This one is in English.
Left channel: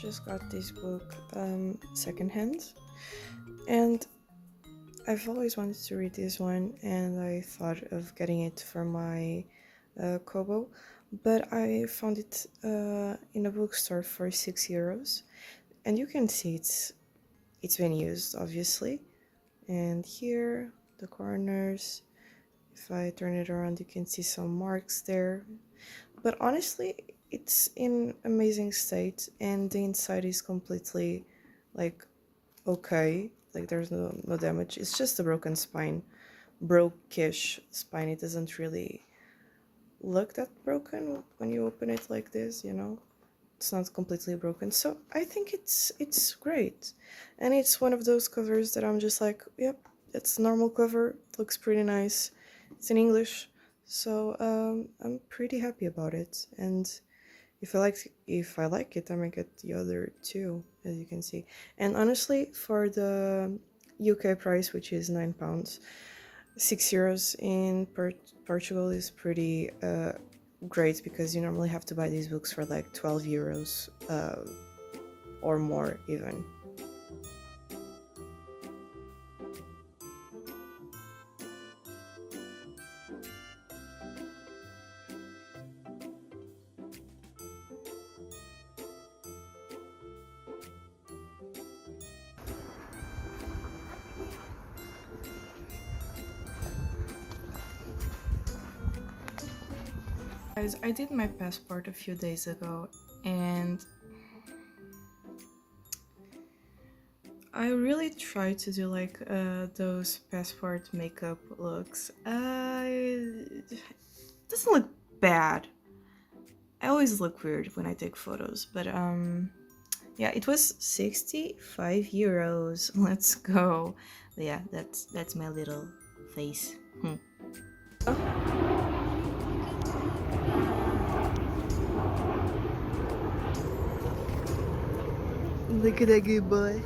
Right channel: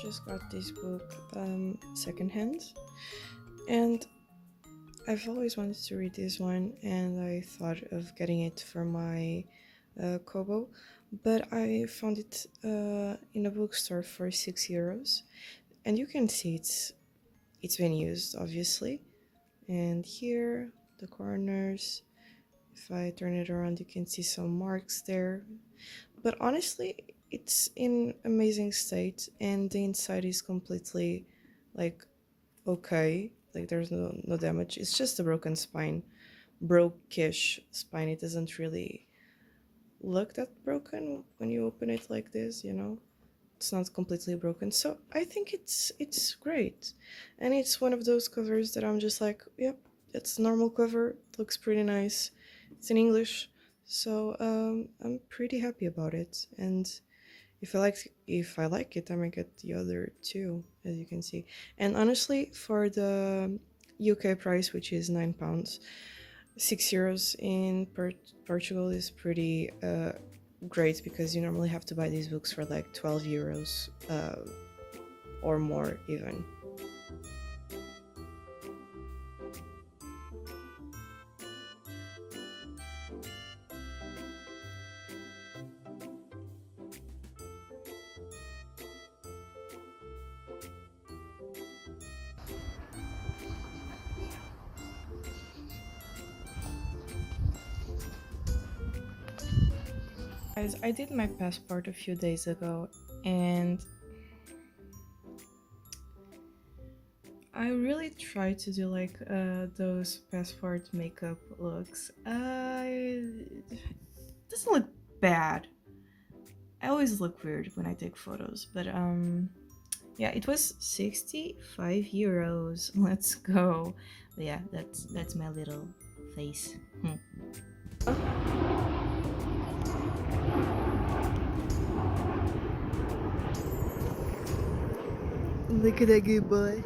Just got this book secondhand, and I've always wanted to read this one, and I thought of getting it for my Kobo, but I found it in a bookstore for €6, and you can see it's been used, obviously. And here, the corners, if I turn it around, you can see some marks there. But honestly, it's in amazing state, and the inside is completely like okay. Like there's no damage. It's just a broken spine, brokish spine. It doesn't really look that broken when you open it like this. It's not completely broken. So I think it's great, and it's one of those covers that I'm just like, yep, it's a normal cover. It looks pretty nice. It's in English, so I'm pretty happy about it. And if I like it, I might get the other two, as you can see. And honestly, for the UK price, which is £9, €6 in Portugal is pretty great, because you normally have to buy these books for like €12 or more even. Guys, I did my passport a few days ago, and I really try to do like those passport makeup looks. It doesn't look bad. I always look weird when I take photos, but yeah, it was €65. Let's go. But yeah, that's my little face. Look at that good boy.